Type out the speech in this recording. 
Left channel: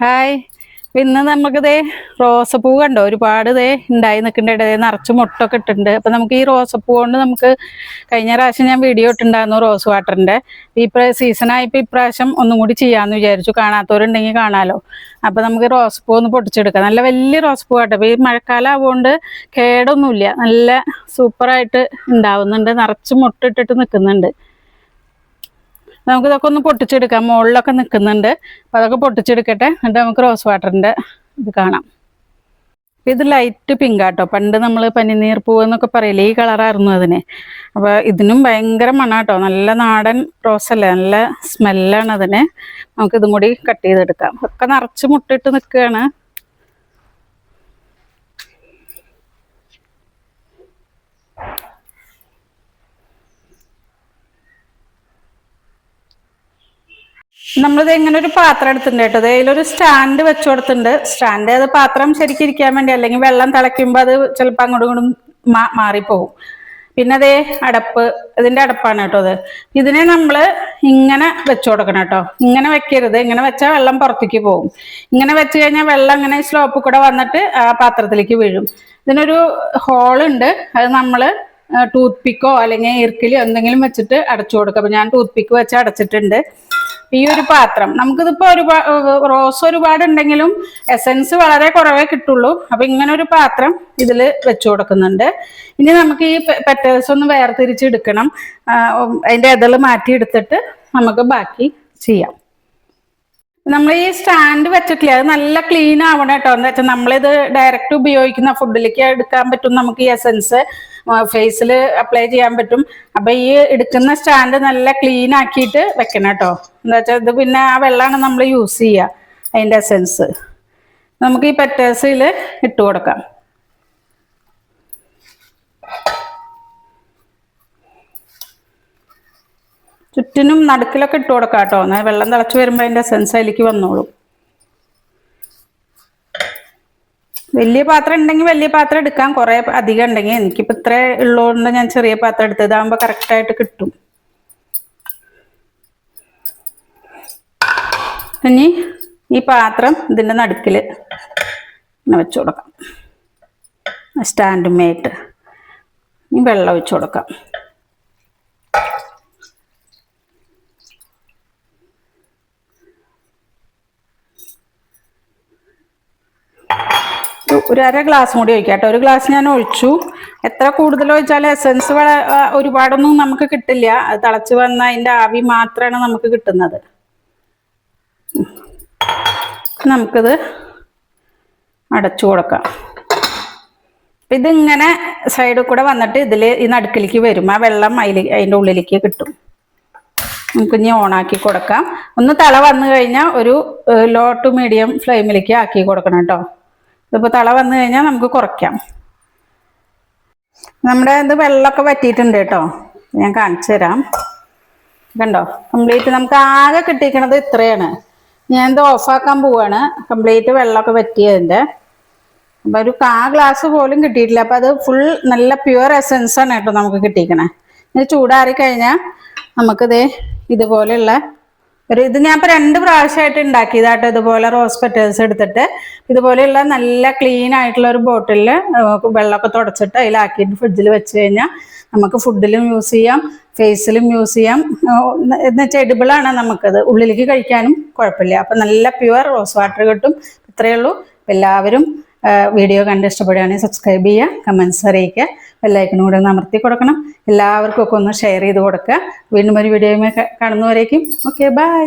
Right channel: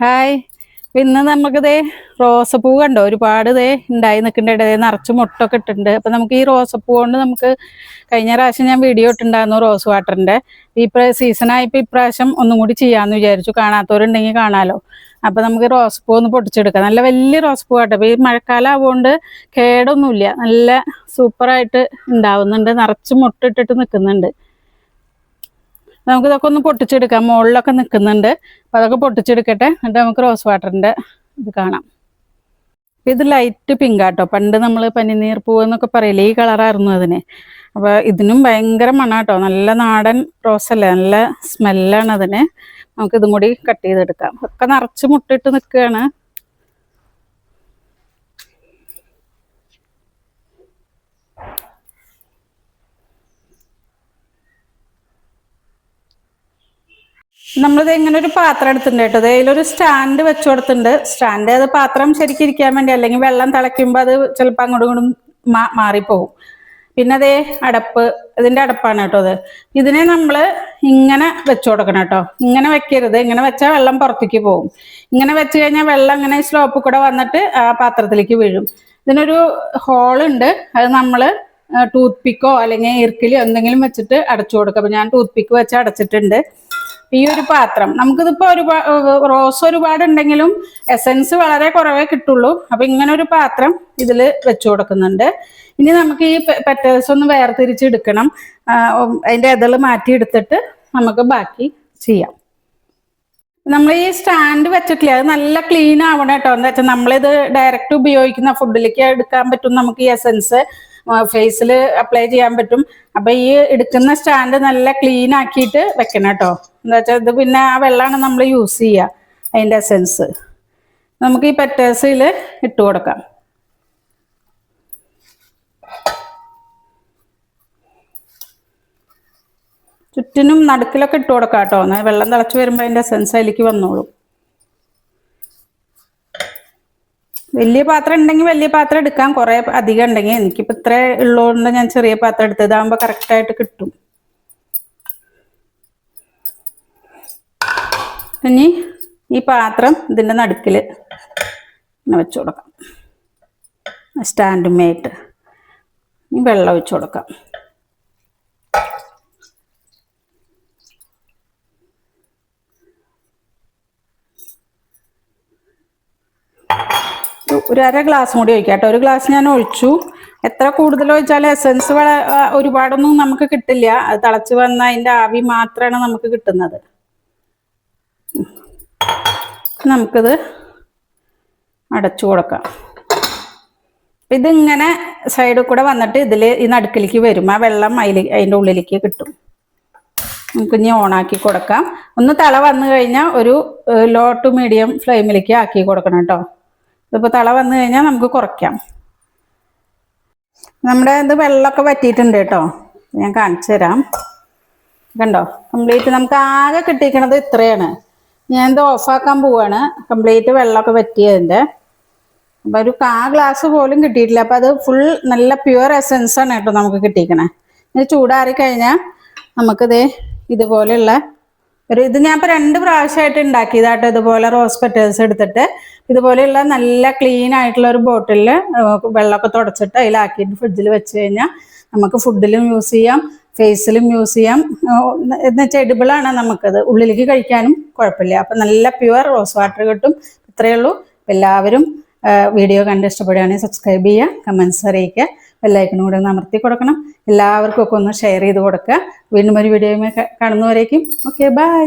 Hi. ഇന്ന് നമുക്കിതേ റോസപ്പൂ കണ്ടോ, ഒരുപാട് ഉണ്ടായി നിൽക്കുന്നുണ്ട്. നിറച്ച് മുട്ടൊക്കെ ഇട്ടിട്ടുണ്ട്. അപ്പം നമുക്ക് ഈ റോസപ്പൂ കൊണ്ട് നമുക്ക് കഴിഞ്ഞ പ്രാവശ്യം ഞാൻ വീഡിയോ ഇട്ടുണ്ടായിരുന്നു റോസ് വാട്ടറിൻ്റെ. ഈ സീസണായപ്പോൾ ഇപ്രാവശ്യം ഒന്നും കൂടി ചെയ്യാമെന്ന് വിചാരിച്ചു. കാണാത്തവരുണ്ടെങ്കിൽ കാണാമല്ലോ. അപ്പം നമുക്ക് റോസപ്പൂ ഒന്ന് പൊട്ടിച്ചെടുക്കാം. നല്ല വലിയ റോസപ്പൂ കേട്ടോ. അപ്പോൾ ഈ മഴക്കാലം ആവുകൊണ്ട് കേടൊന്നുമില്ല, നല്ല സൂപ്പറായിട്ട് ഉണ്ടാവുന്നുണ്ട്. നിറച്ച് മുട്ട ഇട്ടിട്ട് നിൽക്കുന്നുണ്ട്. നമുക്കിതൊക്കെ ഒന്ന് പൊട്ടിച്ചെടുക്കാം. മുകളിലൊക്കെ നിൽക്കുന്നുണ്ട്. അപ്പോൾ അതൊക്കെ പൊട്ടിച്ചെടുക്കട്ടെ. എന്നിട്ട് നമുക്ക് റോസ് വാട്ടറിൻ്റെ ഇത് കാണാം. ഇത് ലൈറ്റ് പിങ്ക് ആട്ടോ. പണ്ട് നമ്മൾ പനിനീർ പൂവ് എന്നൊക്കെ പറയില്ലേ, ഈ കളറായിരുന്നു അതിന്. അപ്പോൾ ഇതിനും ഭയങ്കര മണാട്ടോ. നല്ല നാടൻ റോസല്ലേ, നല്ല സ്മെല്ലാണ് അതിന്. നമുക്കിതും കൂടി കട്ട് ചെയ്തെടുക്കാം. ഒക്കെ നിറച്ച് മുട്ടിട്ട് നിൽക്കുകയാണ്. നമ്മളിത് എങ്ങനെ ഒരു പാത്രം എടുത്തിട്ടുണ്ട് കേട്ടോ. അതിലൊരു സ്റ്റാൻഡ് വെച്ചു കൊടുത്തിട്ടുണ്ട്. സ്റ്റാൻഡ് അത് പാത്രം ശരിക്കും ഇരിക്കാൻ വേണ്ടി, അല്ലെങ്കിൽ വെള്ളം തിളയ്ക്കുമ്പോൾ അത് ചിലപ്പോൾ അങ്ങോട്ടും ഇങ്ങോട്ടും മാറിപ്പോകും. പിന്നെ അതേ അടപ്പ്, ഇതിൻ്റെ അടപ്പാണ് കേട്ടോ അത്. ഇതിനെ നമ്മൾ ഇങ്ങനെ വെച്ചു കൊടുക്കണം കേട്ടോ. ഇങ്ങനെ വെക്കരുത്. ഇങ്ങനെ വെച്ചാൽ വെള്ളം പുറത്തേക്ക് പോകും. ഇങ്ങനെ വെച്ച് കഴിഞ്ഞാൽ വെള്ളം ഇങ്ങനെ സ്ലോപ്പിൽ കൂടെ വന്നിട്ട് ആ പാത്രത്തിലേക്ക് വീഴും. ഇതിനൊരു ഹോളുണ്ട്. അത് നമ്മൾ ടൂത്ത് പിക്കോ അല്ലെങ്കിൽ ഇർക്കിലോ എന്തെങ്കിലും വെച്ചിട്ട് അടച്ചു കൊടുക്കുക. അപ്പം ഞാൻ ടൂത്ത് പിക്ക് വെച്ച് അടച്ചിട്ടുണ്ട്. ഈ ഒരു പാത്രം നമുക്കിതിപ്പോ റോസ് ഒരുപാട് ഉണ്ടെങ്കിലും എസൻസ് വളരെ കുറവേ കിട്ടുള്ളൂ. അപ്പൊ ഇങ്ങനെ ഒരു പാത്രം ഇതിൽ വെച്ചു കൊടുക്കുന്നുണ്ട്. ഇനി നമുക്ക് ഈ പെറ്റൽസ് ഒന്ന് വേർതിരിച്ചെടുക്കണം. അതിന്റെ ഇതള് മാറ്റി എടുത്തിട്ട് നമുക്ക് ബാക്കി ചെയ്യാം. നമ്മൾ ഈ സ്റ്റാൻഡ് വെച്ചിട്ടില്ല, അത് നല്ല ക്ലീൻ ആവണം കേട്ടോ. എന്താ വെച്ചാൽ നമ്മളിത് ഡയറക്റ്റ് ഉപയോഗിക്കുന്ന ഫുഡിലേക്ക് എടുക്കാൻ പറ്റും. നമുക്ക് ഈ എസൻസ് ഫേസിൽ അപ്ലൈ ചെയ്യാൻ പറ്റും. അപ്പൊ ഈ എടുക്കുന്ന സ്റ്റാൻഡ് നല്ല ക്ലീൻ ആക്കിയിട്ട് വെക്കണം കേട്ടോ. എന്താ വെച്ചാൽ ഇത് പിന്നെ ആ വെള്ളമാണ് നമ്മൾ യൂസ് ചെയ്യുക. അതിൻ്റെ എസൻസ് നമുക്ക് ഈ പെറ്റേഴ്സിൽ ഇട്ട് കൊടുക്കാം. ചുറ്റിനും നടുക്കിലൊക്കെ ഇട്ട് കൊടുക്കാം കേട്ടോ. എന്നാൽ വെള്ളം തിളച്ച് വരുമ്പോൾ അതിൻ്റെ എസൻസ് അതിലേക്ക് വന്നോളും. വലിയ പാത്രം ഉണ്ടെങ്കിൽ വലിയ പാത്രം എടുക്കാം. കുറേ അധികം ഉണ്ടെങ്കിൽ, എനിക്കിപ്പോൾ ഇത്ര ഉള്ളതുകൊണ്ട് ഞാൻ ചെറിയ പാത്രം എടുത്തത്. ഇതാകുമ്പോൾ കറക്റ്റായിട്ട് കിട്ടും. ഇനി ഈ പാത്രം ഇതിൻ്റെ നടുക്കിൽ വെച്ച് കൊടുക്കാം. സ്റ്റാൻഡുമേറ്റ് ഈ വെള്ളം ഒഴിച്ച് കൊടുക്കാം. ഒരു അര ഗ്ലാസ് കൂടി ഒഴിക്കാം കേട്ടോ. ഒരു ഗ്ലാസ് ഞാൻ ഒഴിച്ചു. എത്ര കൂടുതൽ ഒഴിച്ചാൽ എസൻസ് ഒരുപാടൊന്നും നമുക്ക് കിട്ടില്ല. അത് തിളച്ച് വന്ന അതിൻ്റെ ആവി മാത്രമാണ് നമുക്ക് കിട്ടുന്നത്. നമുക്കിത് അടച്ചു കൊടുക്കാം. ഇതിങ്ങനെ സൈഡിൽ കൂടെ വന്നിട്ട് ഇതിൽ ഈ നടുക്കിലേക്ക് വരും. ആ വെള്ളം അതിൻ്റെ ഉള്ളിലേക്ക് കിട്ടും. നമുക്കിനി ഓണാക്കി കൊടുക്കാം. ഒന്ന് തള വന്നു കഴിഞ്ഞാൽ ഒരു ലോ ടു മീഡിയം ഫ്ലെയിമിലേക്ക് ആക്കി കൊടുക്കണം കേട്ടോ. ഇതിപ്പോൾ തള വന്നു കഴിഞ്ഞാൽ നമുക്ക് കുറയ്ക്കാം. നമ്മുടെ ഇത് വെള്ളമൊക്കെ വറ്റിയിട്ടുണ്ട് കേട്ടോ. ഞാൻ കാണിച്ചു തരാം. കണ്ടോ, കംപ്ലീറ്റ് നമുക്ക് ആകെ കിട്ടിയിരിക്കണത് ഇത്രയാണ്. ഞാൻ ഇത് ഓഫാക്കാൻ പോവാണ്. കംപ്ലീറ്റ് വെള്ളമൊക്കെ വറ്റിയതിൻ്റെ. അപ്പം ഒരു ഗ്ലാസ് പോലും കിട്ടിയിട്ടില്ല. അപ്പം അത് ഫുൾ നല്ല പ്യുവർ എസൻസാണ് കേട്ടോ നമുക്ക് കിട്ടിയിരിക്കണേ. ഇത് ചൂടാറി കഴിഞ്ഞാൽ നമുക്കിത് ഇതുപോലെയുള്ള ഇത് ഞാൻ ഇപ്പോൾ 2 പ്രാവശ്യമായിട്ട് ഉണ്ടാക്കിയതാട്ടോ. ഇതുപോലെ റോസ് പെറ്റൽസ് എടുത്തിട്ട് ഇതുപോലെയുള്ള നല്ല ക്ലീൻ ആയിട്ടുള്ള ഒരു ബോട്ടിലിൽ വെള്ളമൊക്കെ തുടച്ചിട്ട് അതിലാക്കിയിട്ട് ഫ്രിഡ്ജിൽ വെച്ച് കഴിഞ്ഞാൽ നമുക്ക് ഫുഡിലും യൂസ് ചെയ്യാം, ഫേസിലും യൂസ് ചെയ്യാം. എന്നുവെച്ചാൽ എഡിബിളാണ്. നമുക്കത് ഉള്ളിലേക്ക് കഴിക്കാനും കുഴപ്പമില്ല. അപ്പം നല്ല പ്യുവർ റോസ് വാട്ടർ കിട്ടും. ഇത്രയേ ഉള്ളൂ. എല്ലാവരും വീഡിയോ കണ്ട് ഇഷ്ടപ്പെടുകയാണെങ്കിൽ സബ്സ്ക്രൈബ് ചെയ്യുക, കമൻസ് അറിയിക്കുക, ബെല്ലൈക്കനും കൂടെ ഒന്ന് അമർത്തി കൊടുക്കണം. എല്ലാവർക്കും ഒക്കെ ഒന്ന് ഷെയർ ചെയ്ത് കൊടുക്കുക. വീണ്ടും ഒരു വീഡിയോയുമായി കാണുന്നവരേക്കും ഓക്കെ, ബൈ.